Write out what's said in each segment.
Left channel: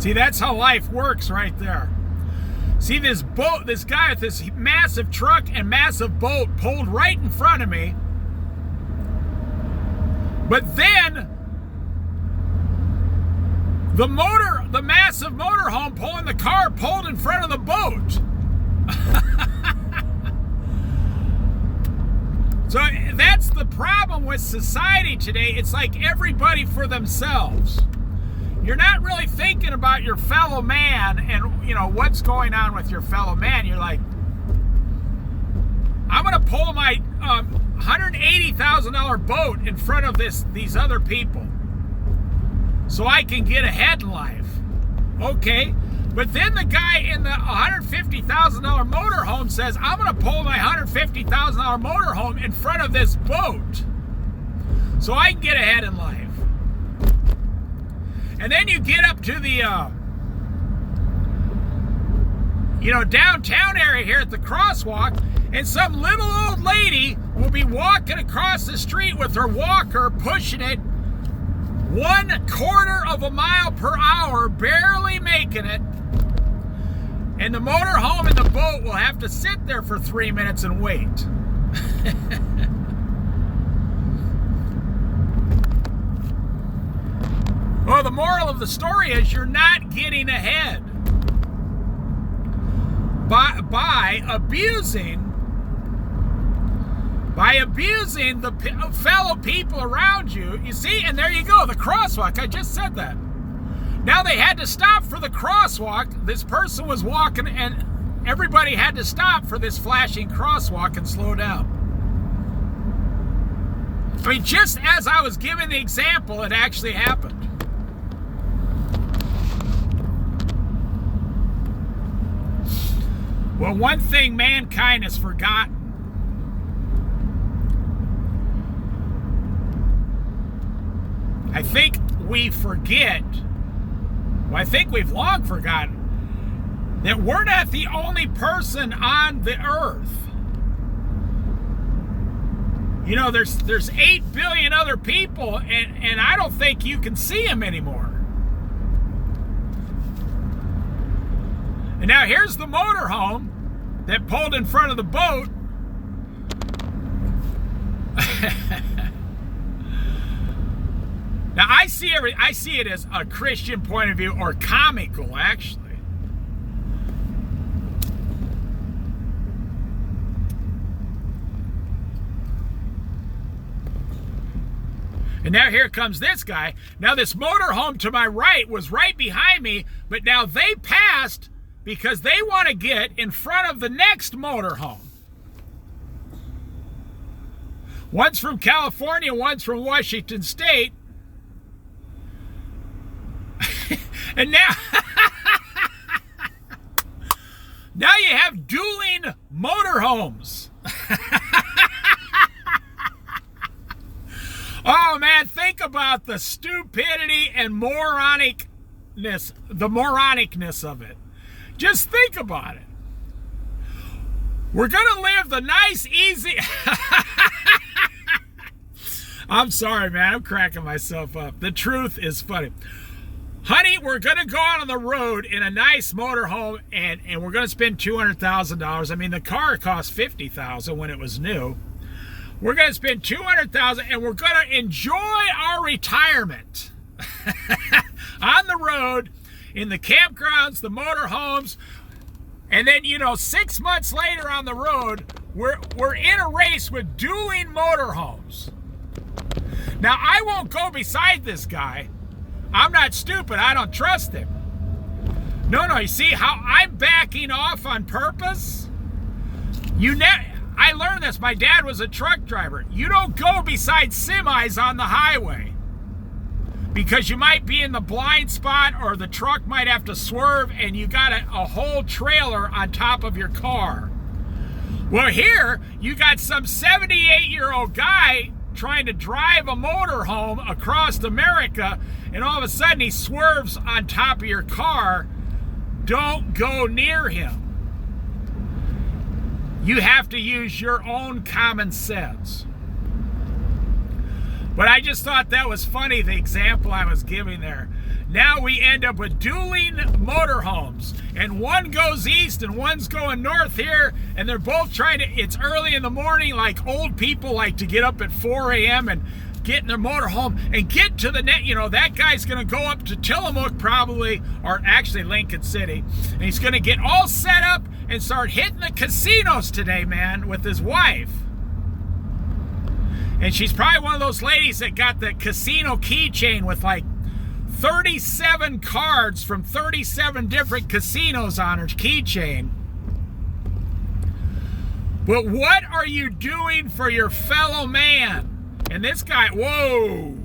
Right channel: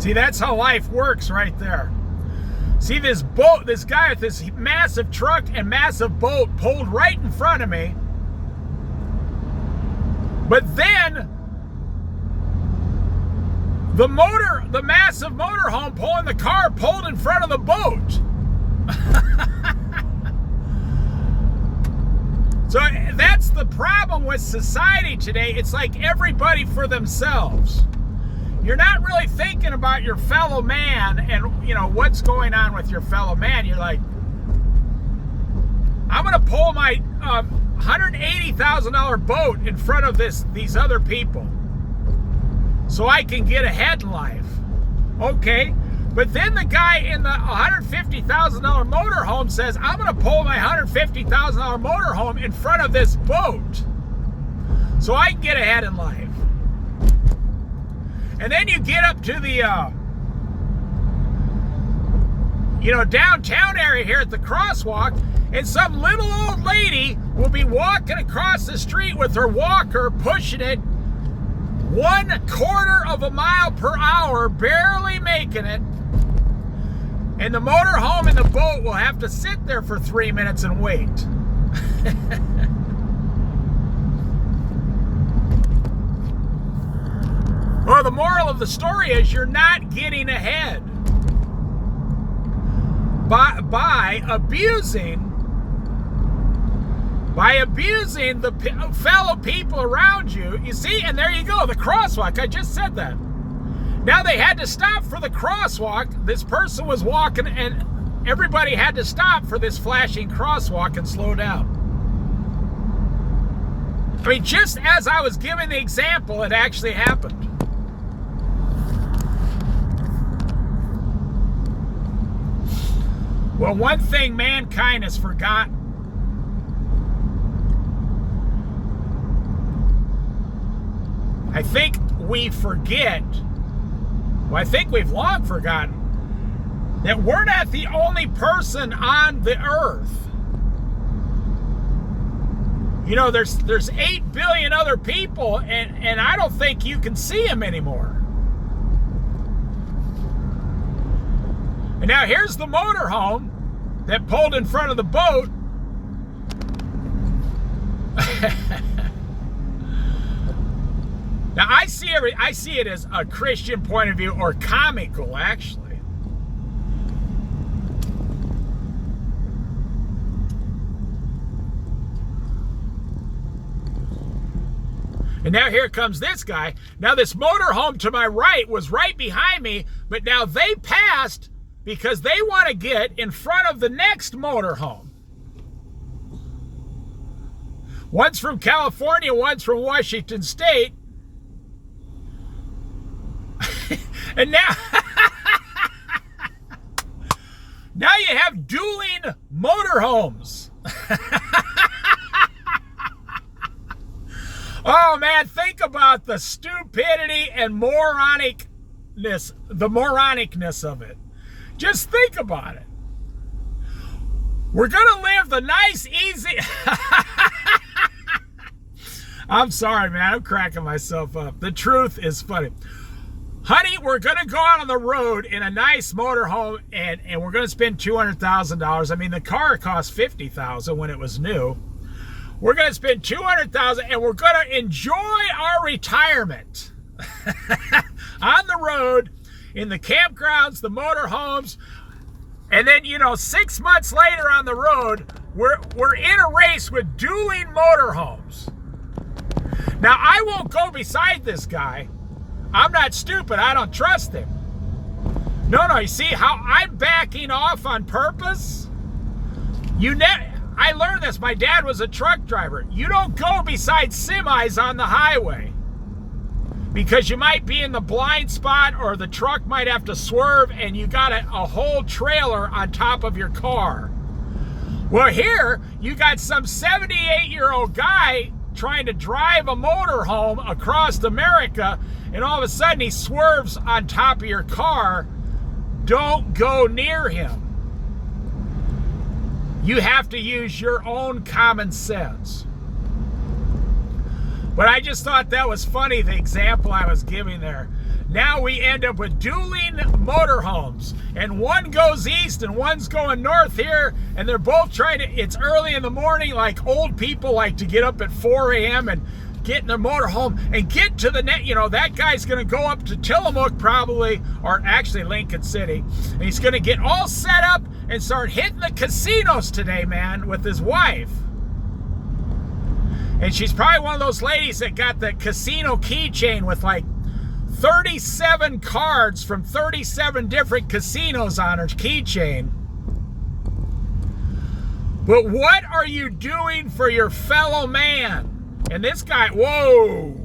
See, that's how life works right there. See, this boat, this guy with this massive truck and massive boat pulled right in front of me. But then the massive motorhome pulling the car pulled in front of the boat. So that's the problem with society today. It's like everybody for themselves. You're not really thinking about your fellow man and, you know, what's going on with your fellow man. You're like, I'm going to pull my $180,000 boat in front of these other people so I can get ahead in life. Okay, but then the guy in the $150,000 motorhome says, I'm going to pull my $150,000 motorhome in front of this boat so I can get ahead in life. And then you get up to the, downtown area here at the crosswalk, and some little old lady will be walking across the street with her walker, pushing it 1/4 of a mile per hour, barely making it. And the motorhome and the boat will have to sit there for 3 minutes and wait. Well, the moral of the story is you're not getting ahead by abusing the fellow people around you. You see, and there you go, the crosswalk. I just said that. Now they had to stop for the crosswalk. This person was walking, and everybody had to stop for this flashing crosswalk and slow down. I mean, just as I was giving the example, it actually happened. Well, one thing mankind has forgotten. I think we forget, well, I think we've long forgotten, that we're not the only person on the earth. You know, there's 8 billion other people, and I don't think you can see them anymore. And now here's the motorhome that pulled in front of the boat. Now I see it as a Christian point of view, or comical actually. And now here comes this guy. Now this motorhome to my right was right behind me, but now they passed because they want to get in front of the next motorhome. One's from California, one's from Washington State. And now, now you have dueling motorhomes. Oh man, think about the stupidity and the moronicness of it. Just think about it. We're gonna live the nice, easy... I'm sorry, man, I'm cracking myself up. The truth is funny. Honey, we're gonna go out on the road in a nice motorhome, and we're gonna spend $200,000. I mean, the car cost $50,000 when it was new. We're gonna spend $200,000, and we're gonna enjoy our retirement on the road, in the campgrounds, the motorhomes, and then, 6 months later on the road, we're in a race with dueling motorhomes. Now, I won't go beside this guy. I'm not stupid. I don't trust him. No, you see how I'm backing off on purpose? I learned this. My dad was a truck driver. You don't go beside semis on the highway because you might be in the blind spot, or the truck might have to swerve, and you got a whole trailer on top of your car. Well, here you got some 78-year-old guy trying to drive a motorhome across America, and all of a sudden he swerves on top of your car. Don't go near him. You have to use your own common sense. But I just thought that was funny, the example I was giving there. now we end up with dueling motorhomes. And one goes east and one's going north here. And they're both trying to, it's early in the morning, like old people like to get up at 4 a.m. and get in their motorhome and get to the net. You know, that guy's going to go up to Tillamook probably, or actually Lincoln City. And he's going to get all set up and start hitting the casinos today, man, with his wife. And she's probably one of those ladies that got the casino keychain with like 37 cards from 37 different casinos on her keychain. But what are you doing for your fellow man? And this guy, whoa.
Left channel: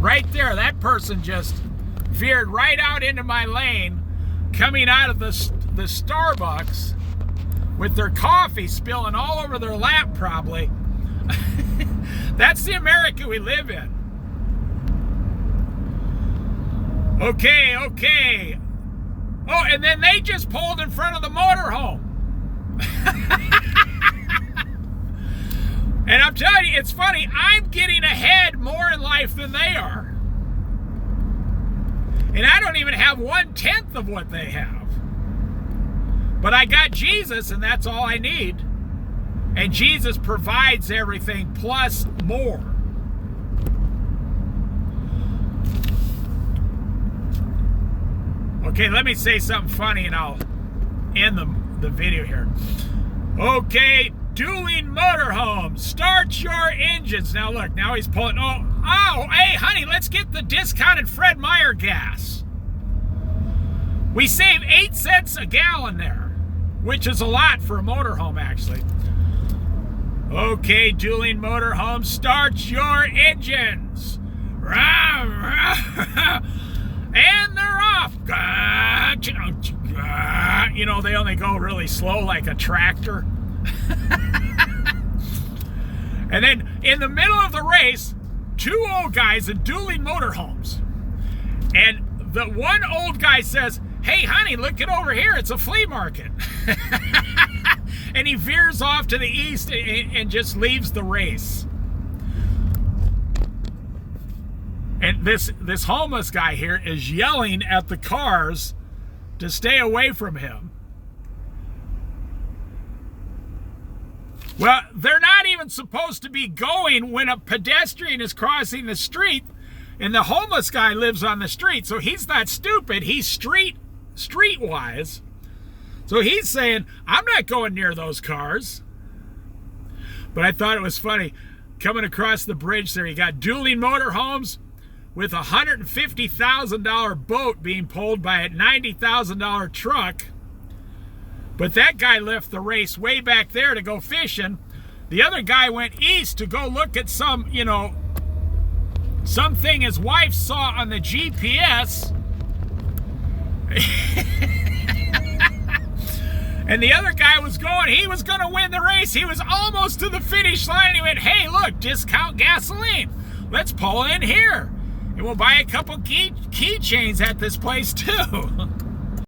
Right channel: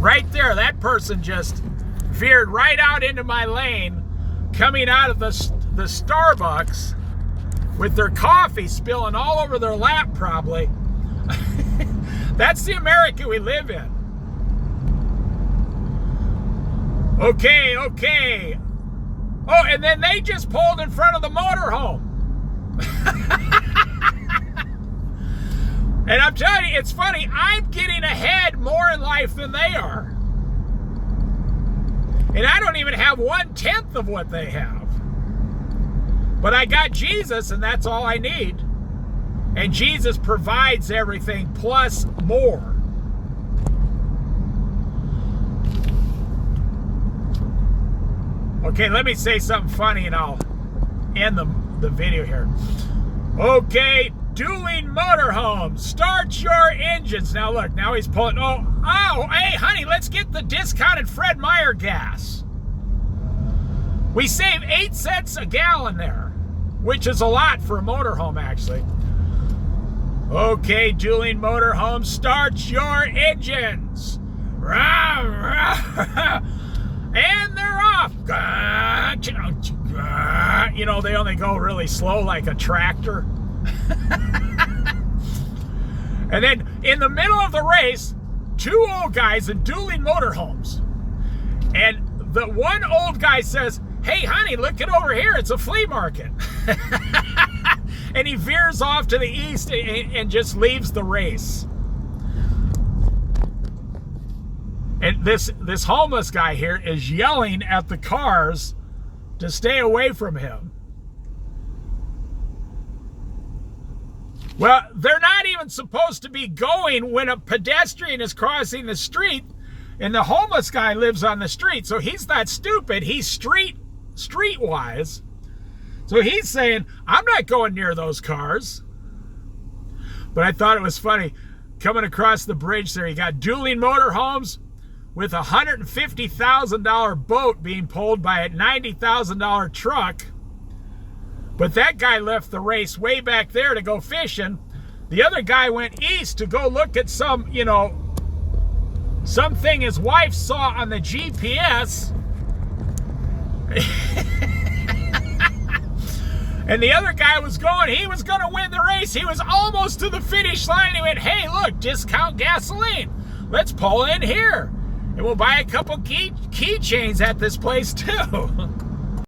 Right there, that person just veered right out into my lane, coming out of the Starbucks with their coffee spilling all over their lap probably. That's the America we live in. Okay. Oh, and then they just pulled in front of the motorhome. And I'm telling you, it's funny, I'm getting ahead more in life than they are. And I don't even have 1/10 of what they have. But I got Jesus, and that's all I need. And Jesus provides everything plus more. Okay, let me say something funny and I'll end the video here. Okay, dueling motorhomes. Start your engines. Now look, now he's pulling. Oh, hey, honey, let's get the discounted Fred Meyer gas. We save 8 cents a gallon there, which is a lot for a motorhome, actually. Okay, dueling motorhomes. Start your engines. Rah, rah. And they're off. You know, they only go really slow like a tractor. And then in the middle of the race, 2 old guys in dueling motorhomes. And the one old guy says, hey, honey, look it over here. It's a flea market. And he veers off to the east and just leaves the race. And this homeless guy here is yelling at the cars to stay away from him. Well, they're not even supposed to be going when a pedestrian is crossing the street, and the homeless guy lives on the street, so he's not stupid. He's streetwise. So he's saying, I'm not going near those cars. But I thought it was funny. Coming across the bridge there, you got dueling motorhomes with a $150,000 boat being pulled by a $90,000 truck. But that guy left the race way back there to go fishing. The other guy went east to go look at some, you know, something his wife saw on the GPS. And the other guy was going, he was going to win the race. He was almost to the finish line. He went, hey, look, discount gasoline. Let's pull in here. And we'll buy a couple keychains at this place too.